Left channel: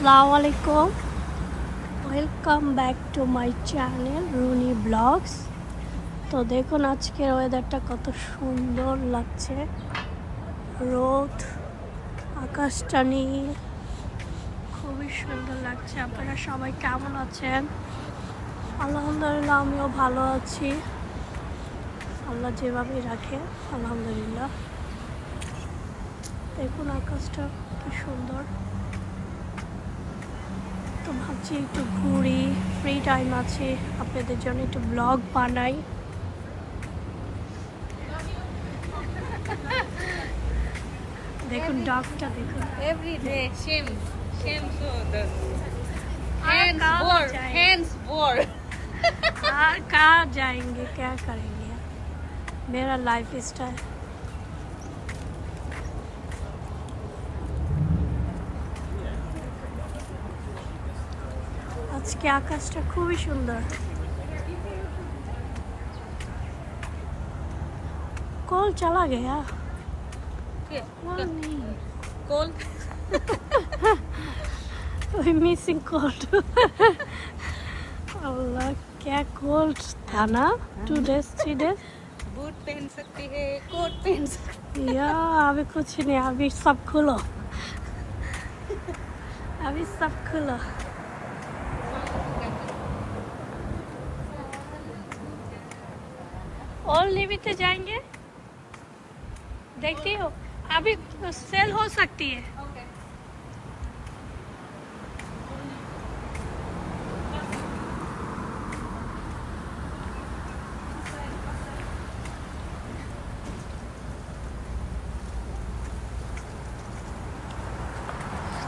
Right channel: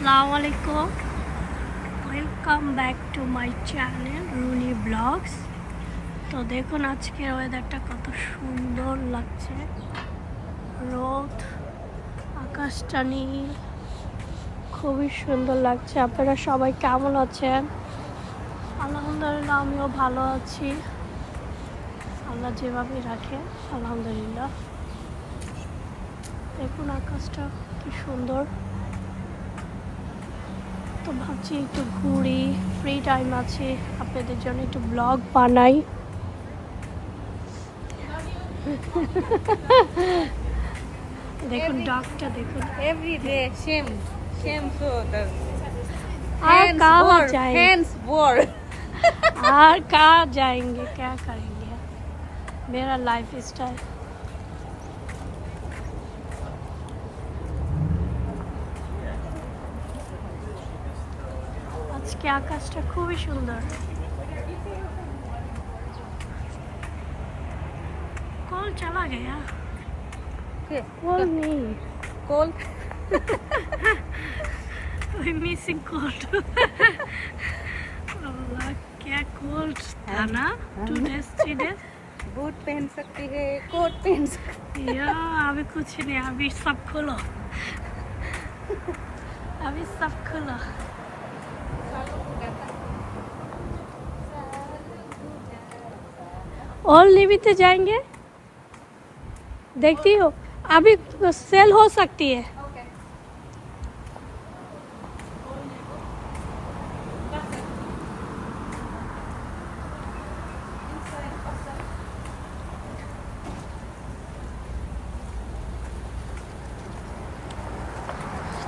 আসসালামু আলাইকুম, welcome back to my channel Runi blogs. তো দেখুন আজকের ওয়েদারটা কত সুন্দর লাগছে, রোদ, আকাশটা নীল, খুবই সুন্দর লাগছে। আপনারা সবাই কেমন আছেন? আলহামদুলিল্লাহ, আমিও ভালো আছি। আল্লাহ যেভাবেই রাখে আলহামদুলিল্লাহ। দেখুন আকাশটা কি সুন্দর। তো ভাবছি একটু ঘুরি, ফ্রি টাইম আছে, আপনাদের জন্য একটু ব্লগ বানাই। দেখুন ডগটা দেখুন। Every day, same so the और hands कहाँ war, जाएंगे? hands war. और कहाँ जाएंगे, क्या करेंगे? मेरा लाइफ स्टाइल। আজকে আকাশটা খুবই সুন্দর। कॉल चला गया, Yeah, कॉल नहीं, cold. कोई मिसिंग कॉल। अल्लाह, क्या कॉल था ना, 2 days 3 days। बूट पहन सकती है, कोट पहन सकती या अभी कुछ नहीं, अभी सब खुलो, अभी सब खुलो। और लिविते जाएंगे, देखती हो अभी सेल हो सकती है।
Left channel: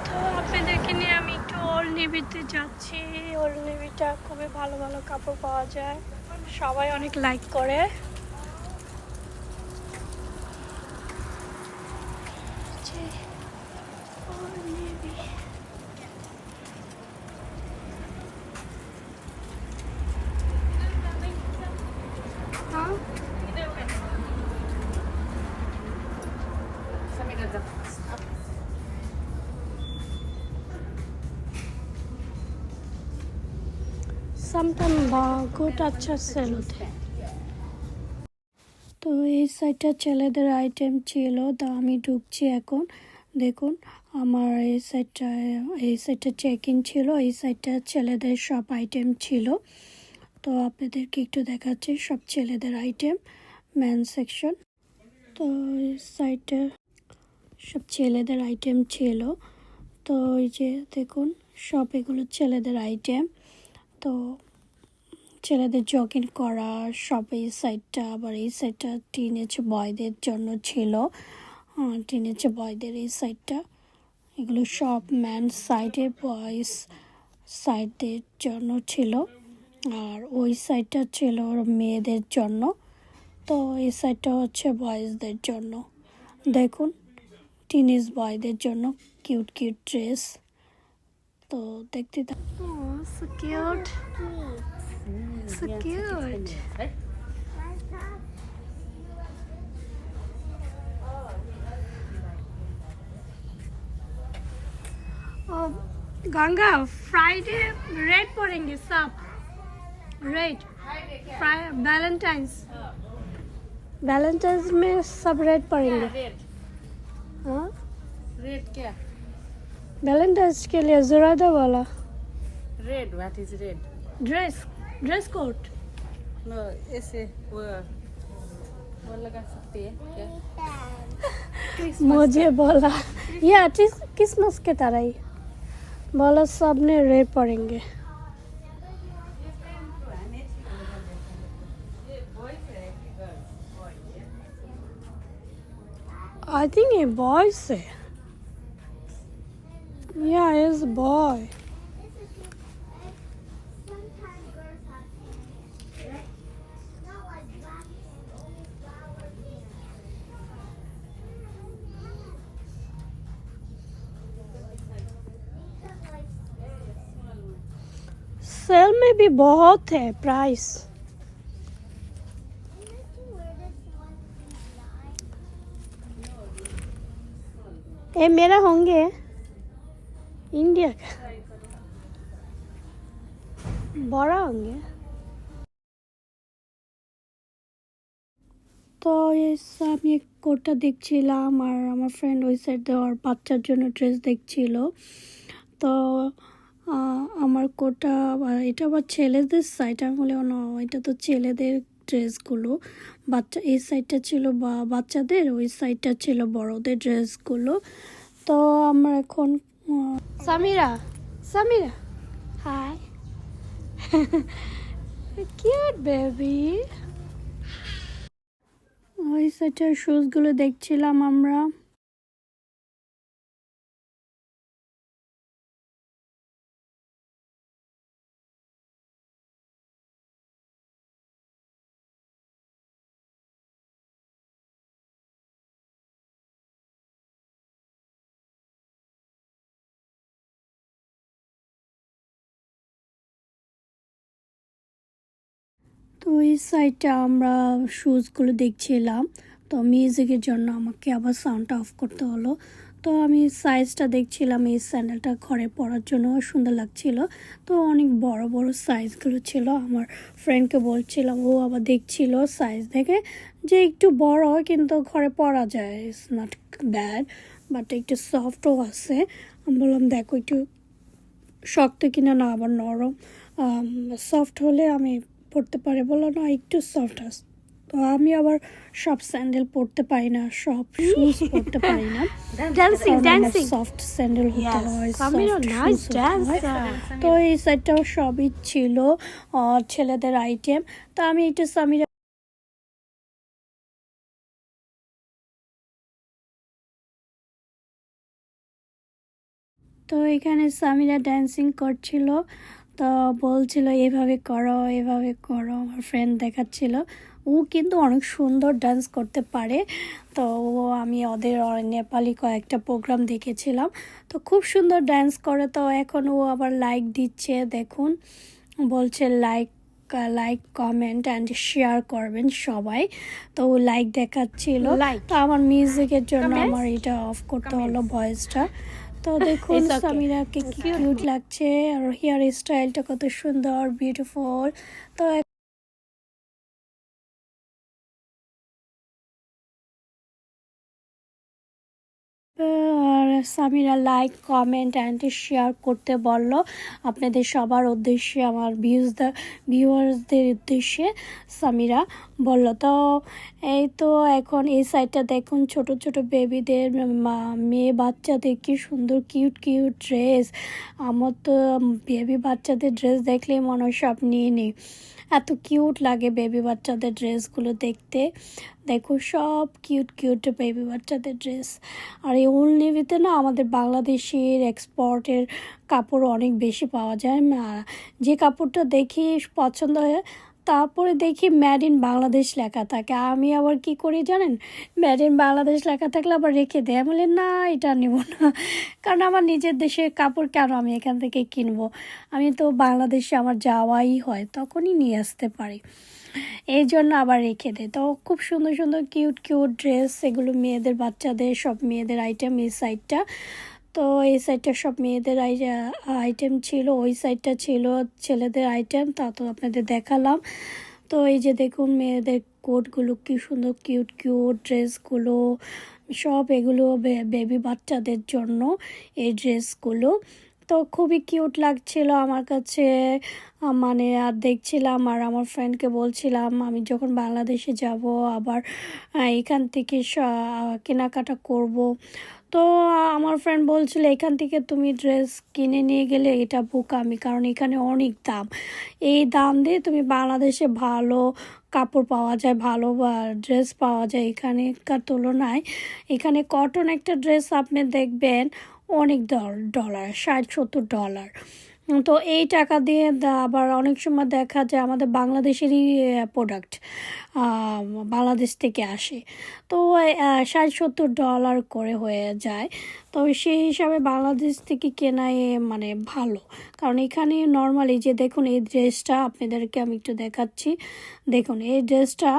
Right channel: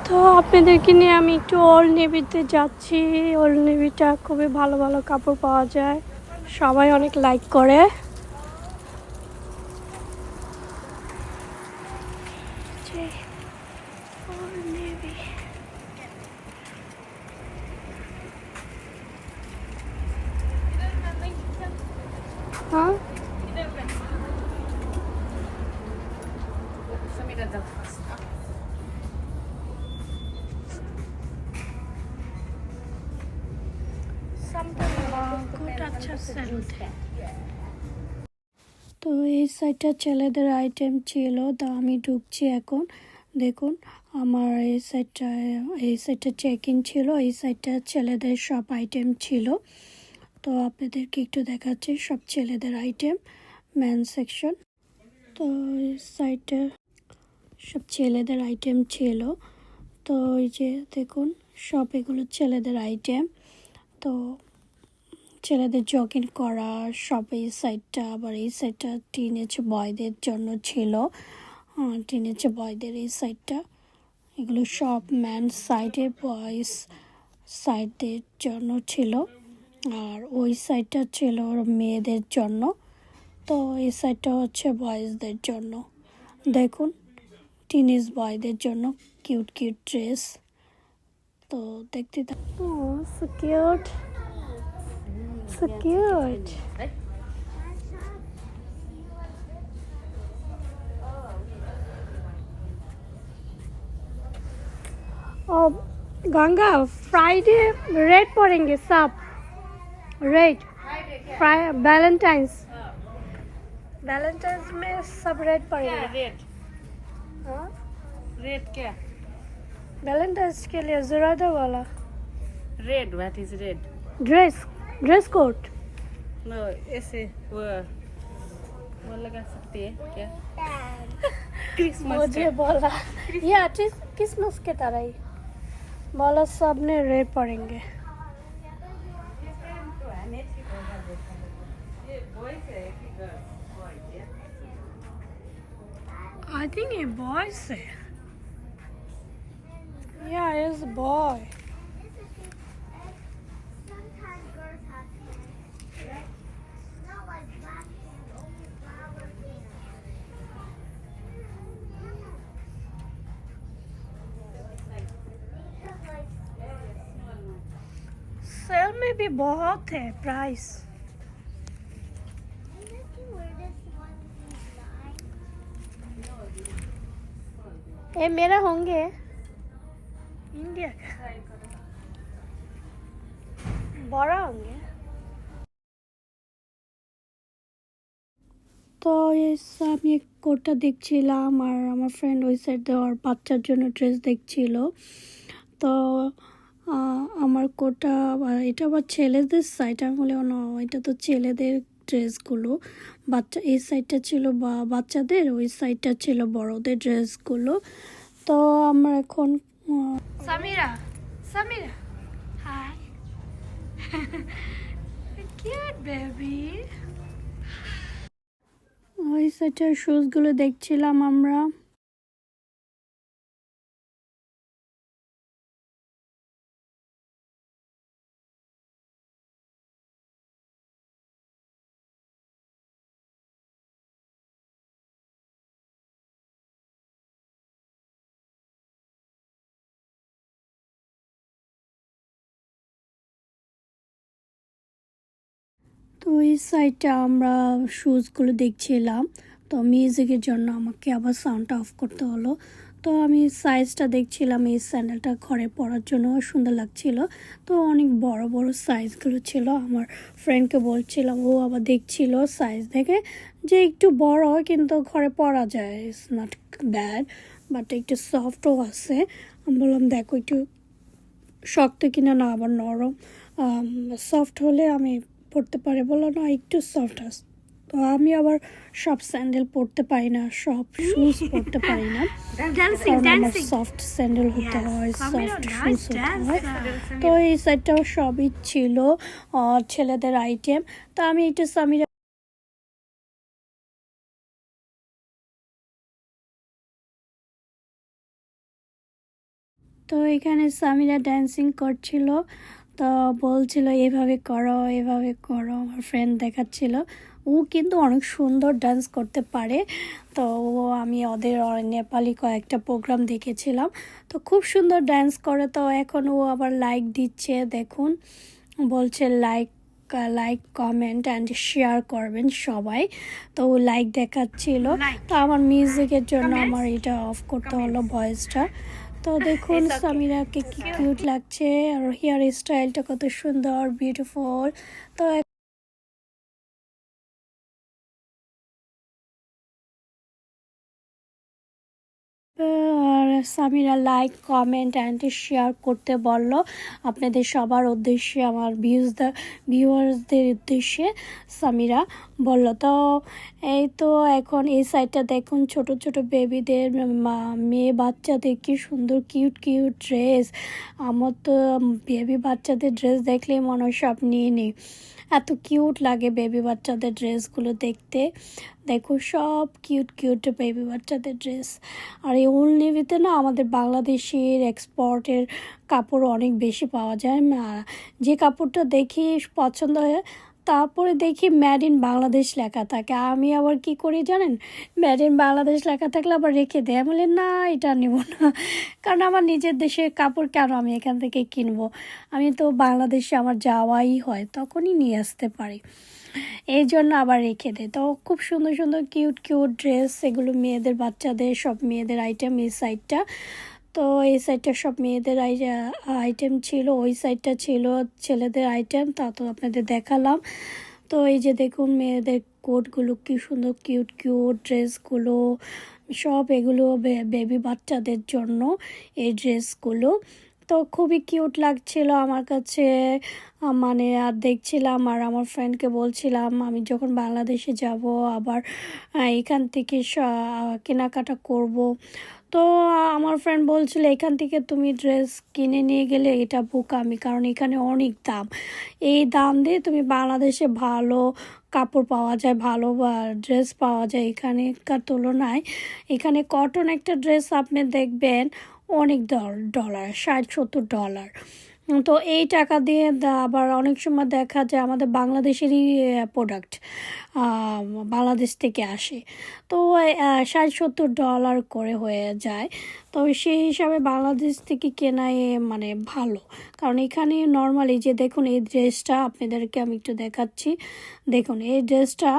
তো আপনাদেরকে নিয়ে আমি একটু ওল্ড নেভিতে যাচ্ছি। ওল্ড নেভিটা খুবই ভালো ভালো কাপড় পাওয়া যায়, সবাই অনেক লাইক করে। যে ওল্ড নেভি, হ্যাঁ সামটাইম গুড, আচ্ছা সেল। তো এই সাইডটা ছেলেদের আইটেম ছিল, তা আমি ঢুকছি এখন। দেখুন আমার এই সাইডটা চেক ইন ছিল, এই সাইডটা ছেলেদের সব আইটেম ছিল। তো আপনাদেরকে একটু দেখাচ্ছি সব ছেলেদের আইটেম, ম্যান সেকশন। তো এই সাইডটা সব ছেলেদের আইটেম ছিল। তো এই যে দেখুন সব এগুলো ছেলেদের আইটেম। তো ছেলেদের জগিং করা সব এই সাইডটা, আবার এই সাইডটা টিনেজ বয়দের জন্য ছিল, টিনেজ বয়দের এই সাইডটা। এগুলো সব ম্যান সাইডে, বয়েজ সাইডদের জন্য ছিল। আর ওই সাইডটা ছিল মেয়েদের জন্য। তো এই সাইডটা হচ্ছে বয়েজদের জন্য। দেখুন টিনেজ বয়দের জন্য কিউট কিউট ড্রেস। তো দেখতে so cute, so cute. Oh, Ganga Friday red पड़ेंगे सब, रेड वैलेंटाइंस, वैलेंटाइंस में सब रेड पड़ेंगे। रेड हाँ रेड क्या वैलेंटाइंस के लिए ज़रादा वाला red what is red dress code. No ऐसे वो लगा सकती है क्या मुझे बोला ये क्रिसमस के तरह ही बोला सब ने रेड पड़ेंगे। I think a boy say. Yeah, it's boy. Sale में भी बहुत है प्राइस। ये मेरा होंगे ইন্ডিয়া ট্রাই করো। বড় আঙ্গি তো আমি কোটটা দেখছিলাম আর আমার ফ্রেন্ড ওই সাইড ওর বাচ্চার জন্য ড্রেস দেখছিল। তো আমার কোটটা এটা আবার ছেলেদের সাইড, আমি বলি না এটা তো ছেলেদের ড্রেসগুলো, বাচ্চা এই সাইডটা ছিল বাচ্চাদের, ওই সাইডটা ছিল বড়দের ড্রেসগুলো। তো আমরা এখন Samira Samira high cute baby, ওই সাইডের শুজগুলো দেখছিলাম আমরা। তো এই সাইডটা আমরা শুজগুলো দেখছিলাম। তো মিউজিকের জন্য আমাকে আবার সাউন্ডটা অফ করতে হলো। তো আমি সাইজটা দেখছিলাম, এই স্যান্ডেলটা ঘরে পরার জন্য সুন্দর লাগছিল। তো অনেক বড় বড় সাইজগুলো ছিল, আমার ফ্রেন্ডকে বলছিলাম, ও আবার দেখছিল সাইজ দেখে যে একটু বড় কিন্তু ঘরে পরা যায়, ইটস নট ব্যাড, বাট একটু সফটও আছে। আমি বললাম দেখো একটু শক্ত কিনা না আবার নরম, সফট হলে আমি পরতে পারি। বললো না একটু সফট আছে। তো আমি আবার সব স্যান্ডেল পরতে পারি না, সব শুজ পরতে পারি না, কারণ আমার সফট স্যান্ডেল হতে হয়, সফট শুজ হতে হয়। তো এই সাইডটাও সবই ছিল ছেলেদের আইটেম। তো আমি একটু সামিরা তো এখানে সামিরা ড্যান্সিং করছিল। তো বলছিল এভাবে করো এভাবে করো, আমার ফ্রেন্ড দেখাচ্ছিল। ও কিন্তু অনেক সুন্দর ডান্স করতে পারে। তো আমি ওদের নেপালি কয়েকটা প্রোগ্রাম দেখেছিলাম, তো খুব সুন্দর ডান্স করে। তো এখন ও আবার লাইক দিচ্ছে, দেখুন বলছে like like comment and share করবেন সবাই। তো ও লাইক দেখাচ্ছিল। তো আমার মিউজিকের জন্য আমার এটা অফ করতে হলো ভয়েসটা। তো দেখুন সামিরাকে কি কিউট লাগছে, আর হেয়ার স্টাইলটা কত সুন্দর বিউটিফুল। তো আর Samira like comment and share করতে বলল আপনাদের সবার উদ্দেশ্যে, আমার ভিউয়ার্সদের উদ্দেশ্যে সামিরা বলল। তো এই তো এখন এই সাইডটা দেখুন ছোট ছোট বেবিদের মেয়ে বাচ্চাদের কি সুন্দর কিউট কিউট ড্রেস। আমার তো বেবি বাচ্চাদের ড্রেস দেখলেই মনে হয় সব নিয়ে নিই, এত কিউট লাগে বেবি বাচ্চাদের ড্রেসগুলো দেখতে। দেখো সব কিউট কিউট বেবি বাচ্চাদের ড্রেস। আর এই উল নেভিতে না আমাদের বাংলাদেশের এক্সপোর্টের কাপড় অনেক বেশি পাওয়া যায়। যে কাপড়টা দেখি পছন্দ হয়, তারপরে দেখি মেড ইন বাংলাদেশ লেখা থাকে, আমি আবার কি করি জানেন, মেড ইন বাংলাদেশ লেখা থাকলে আবার রেখে দেয়। আমি বলি না এটা নেব না, কারণ আমার নিজের দেশের কাপড় কেন আমি এখান থেকে কিনবো, আমি তো বাংলাদেশে আমার যাওয়াই হয় তখনই নিয়ে আসতে পারি, এই জন্য আবার রেখে দেয়। তো খুব সুন্দর সুন্দর কিউট কিউট ড্রেস, এগুলো মেয়েদের বাচ্চাদের সব মেয়েদের আইটেম এই সাইডটা। তো এই সাইডটা সব মেয়েদের আইটেম ছিল, ওই সাইডটা ছিল ছেলেদের আইটেম, তা তো আপনাদের দেখালাম। তো এই যে দেখুন মেয়েদের কোটগুলো কি সুন্দর কিউট কিউট ড্রেসগুলো, সব এগুলো বেবি বাচ্চাদের জন্য এই ড্রেসগুলো। তো খুবই কিউট লাগছিল আমার কাছে, মানে আর দেখছিলাম আর আমার ফ্রেন্ডকে বলছিলাম আমি যখন বাংলাদেশে যাব আবার এখান থেকে কেনাকাটা করব। তো আমার ফ্রেন্ড বলছিল এখান থেকে তুমি ড্রেস কিনে নিয়ে গেলে এটা বোকামি, কারণ এখানে অনেক দাম, এই দাম দিয়ে তুমি বাংলাদেশে ভালো কাপড় পাওয়া যায়, ভালো ড্রেস পাওয়া যায় এখানেকার তুলনায়। এখানে কটন একটা ড্রেস আপনি দেখবেন অনেক ডলার, $60-70। তো এই টাকা দিয়ে আবার অনেক সময় দেখা যায় আমাদের বাংলাদেশেরই প্রোডাক্ট বাংলাদেশ থেকে আসে, তো $60-70 করে হয়ে যায়। তো সেই হিসাবে বাংলাদেশ থেকে কেনাই মানে ভালো, কারণ এখানে নর্মালি যে দেখুন এই ড্রেসটা আপনাদেরকে আমি একটু দেখাচ্ছি, দেখুন এই ড্রেসটা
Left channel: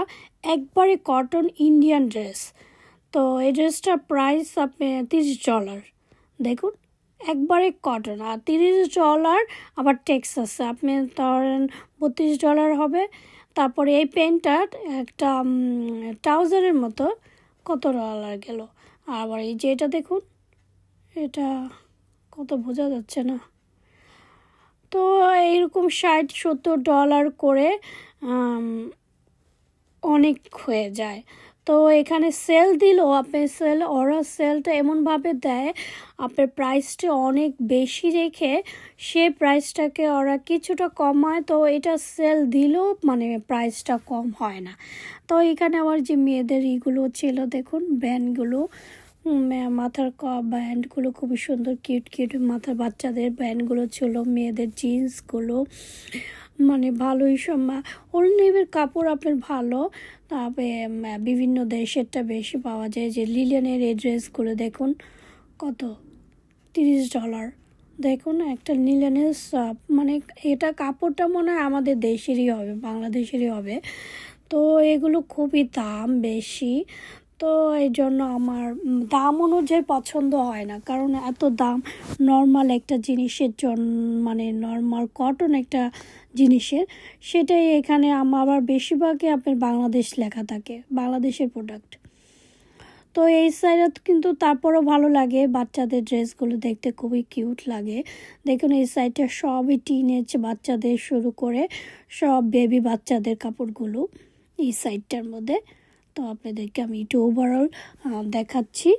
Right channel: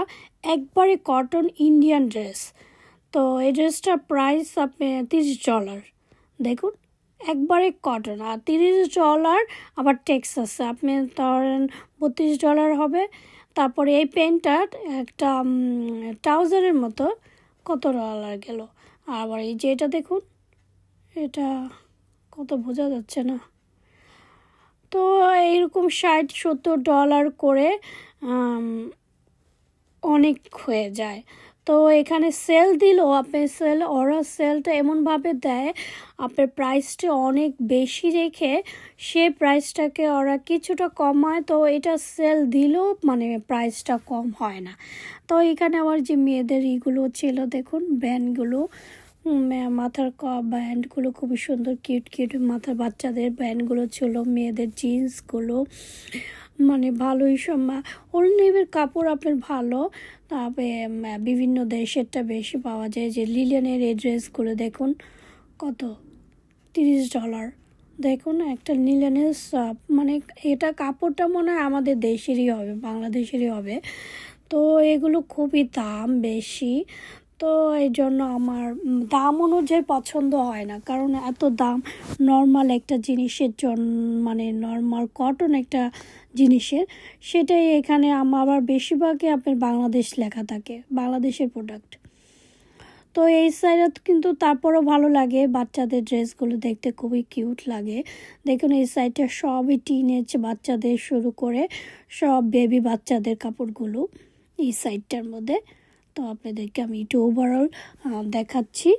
একবারে কটন ইন্ডিয়ান ড্রেস। তো এই ড্রেসটার প্রাইস আপনি $30, দেখুন একবারে কটন। আর $30 আবার ট্যাক্স আছে, আপনি ধরেন $32 হবে। তারপরে এই প্যান্টটার একটা ট্রাউজারের মতো কত ডলার গেল। আবার এই যে এটা দেখুন, এটা কত বোঝা যাচ্ছে না। তো এইরকম $60-70 করে অনেক হয়ে যায়। তো এখানে সেল দিলেও আপনি ওরা সেলটা এমনভাবে দেয়, আপনার প্রাইসটা অনেক বেশি রেখে সে প্রাইসটাকে ওরা কিছুটা কমায়। তো এটা সেল দিলেও মানে প্রাইসটা কম হয় না। তো এখানে আবার যে মেয়েদের ইগুলো ছিল দেখুন, ব্যান্ডগুলো, মাথার ব্যান্ডগুলো খুবই সুন্দর, কিউট কিউট মাথার বাচ্চাদের ব্যান্ডগুলো ছিল, মেয়েদের জিন্সগুলো মানে ভালোই সব। ওল্ড নেভির কাপড় আপনার ভালো, তবে বিভিন্ন দেশেরটা বেশি পাওয়া যায়। যে লিলেনের এই ড্রেসগুলো দেখুন কত, $30। দেখুন একটা লিলেনের মানে এটা কাপড়টা মনে হয় আমাদের দেশেরই হবে, বাংলাদেশেরই হবে। তো এগুলো খুবই দাম বেশি। তো এই জন্য আমার দাম অনুযায়ী পছন্দ হয় না, কারণ এত দাম নর্মাল একটা জিনিসের জন্য, মানে নর্মাল কটন একটা জিনিসের, সেটাই এখানে আবার বেশিরভাগই আপনার বাংলাদেশ লেখা থাকে, বাংলাদেশের প্রোডাক্ট। তো এই সাইডে কিন্তু তারপরও ভালো লাগে, বাচ্চাদের ড্রেসগুলো দেখতে খুবই কিউট লাগে। দেখুন এই সাইডটা সবই টিনেজ বাচ্চাদের শুরু করে সব বেবি বাচ্চাদের কাপড়গুলো এই সাইডটার মধ্যে। তো আপনাদেরকে আমি একটু ওভারঅল দেখাচ্ছি।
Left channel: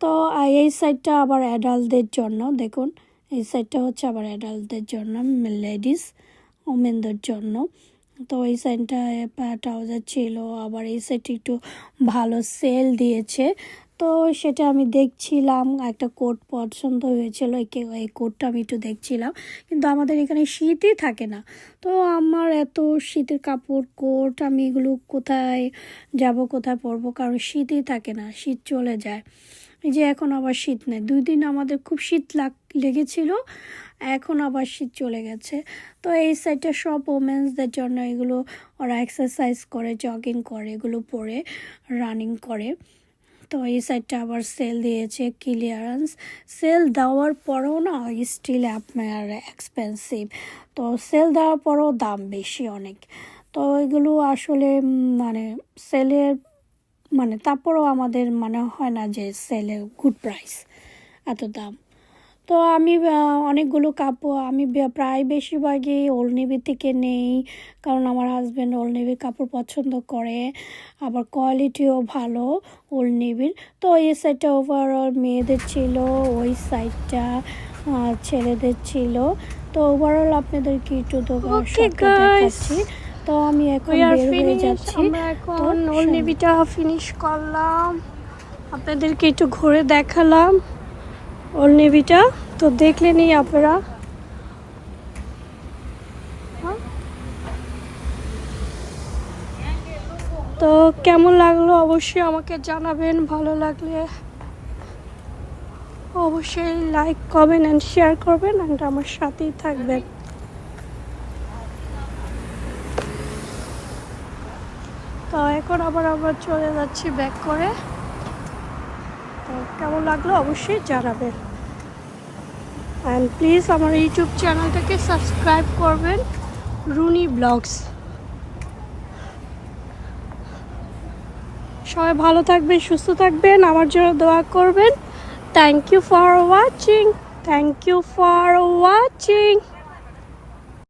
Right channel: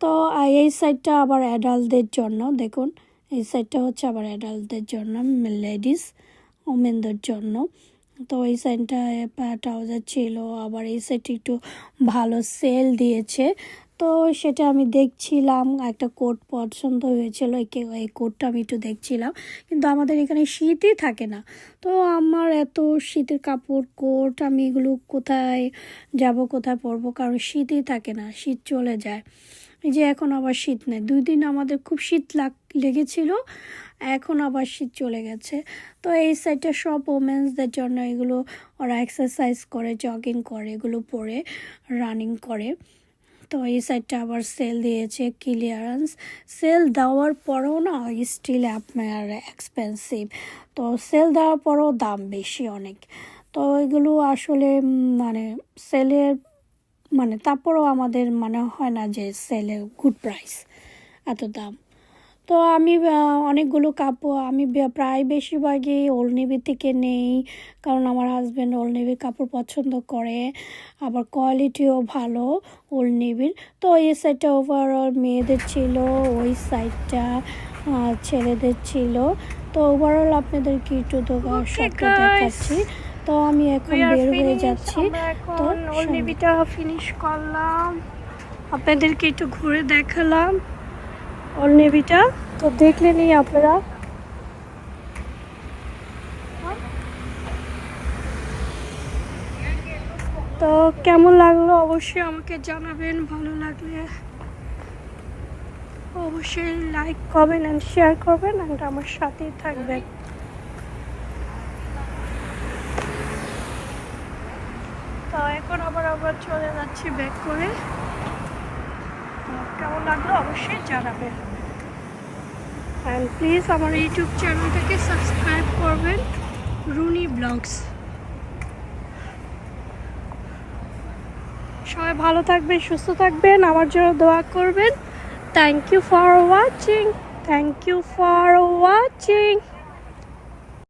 তো এই সাইডটা আবার অ্যাডাল্টদের জন্য, দেখুন এই সাইডটা হচ্ছে আবার অ্যাডাল্টদের জন্য, লেডিস ওমেনদের জন্য। তো এই সাইডটা ট্রাউজার ছিল, আবার এই সাইডটা একটু ভালো সেল দিয়েছে। তো সেটা আমি দেখছিলাম, একটা কোট পছন্দ হয়েছিল, এই কোটটা আমি একটু দেখছিলাম। কিন্তু আমাদের এখানে শীতই থাকে না, তো আমার এত শীতের কাপড় কোট আমি এগুলো কোথায় যাব, কোথায় পরবো, কারণ শীতই থাকে না, শীত চলে যায়। এই যে এখন আবার শীত নেই, 2 দিন আমাদের খুব শীত লেগেছিল, এখন আবার শীত চলে গেছে। তো এই সাইডটা সব ওমেন্সদের জন্য, এগুলো ওরা এক্সারসাইজ করে, জগিং করে, এগুলো পরে রানিং করে। তো এই সাইডটা আবার সেল দিয়েছে, ক্লিয়ারেন্স সেল দেওয়ার পরেও না স্টিল আপনার এক্সপেন্সিভ। তো সেল দেওয়ার পরেও দাম বেশি অনেক। তো এগুলো আসলে মানে সেলের মানে তারপরেও আমাদের মানে হয় না যে সেলে গুড প্রাইস, এত দাম। তো আমি অনেকগুলো কাপড় আমি প্রায় বেশিরভাগই ওল্ড নেভি থেকে নেই, কারণ আমার হাজব্যান্ড ওল্ড নেভির কাপড় পছন্দ করে, আবার কোয়ালিটিও ভালো ওল্ড নেভির। তো এই সাইডটা ওভারঅল মেয়েদের ছিল, ওই সাইডটা ছেলেদের ছিল। তো ওভারঅল আপনাদেরকে একটু সবটা দেখাচ্ছি। তো আমি এখন বের হয়ে যাচ্ছি। তো ওল্ড নেভিটা ফিনিশ করলাম, আপনাদেরকে একটু ঘুরে দেখালাম ওল্ড নেভিটা। তো দেখলেনই আপনারা। তো কেমন লাগলো অবশ্যই আমাকে জানাবেন, ভালো লাগলে অবশ্যই লাইক কমেন্ট অ্যান্ড শেয়ার করবেন, অ্যান্ড আমার সাথেই থাকবেন। তো এখন আবার আমরা চলে যাচ্ছি ব্যাক করে। তো কেমন লাগলো অবশ্যই জানাবেন, অ্যান্ড প্লিজ আমার ইউটিউব চ্যানেলটাকে সাবস্ক্রাইব করবেন, রুনি ব্লগস। সবাই ভালো থাকবেন, সুস্থ থাকবেন, আমার জন্য দোয়া করবেন। Thank you for watching.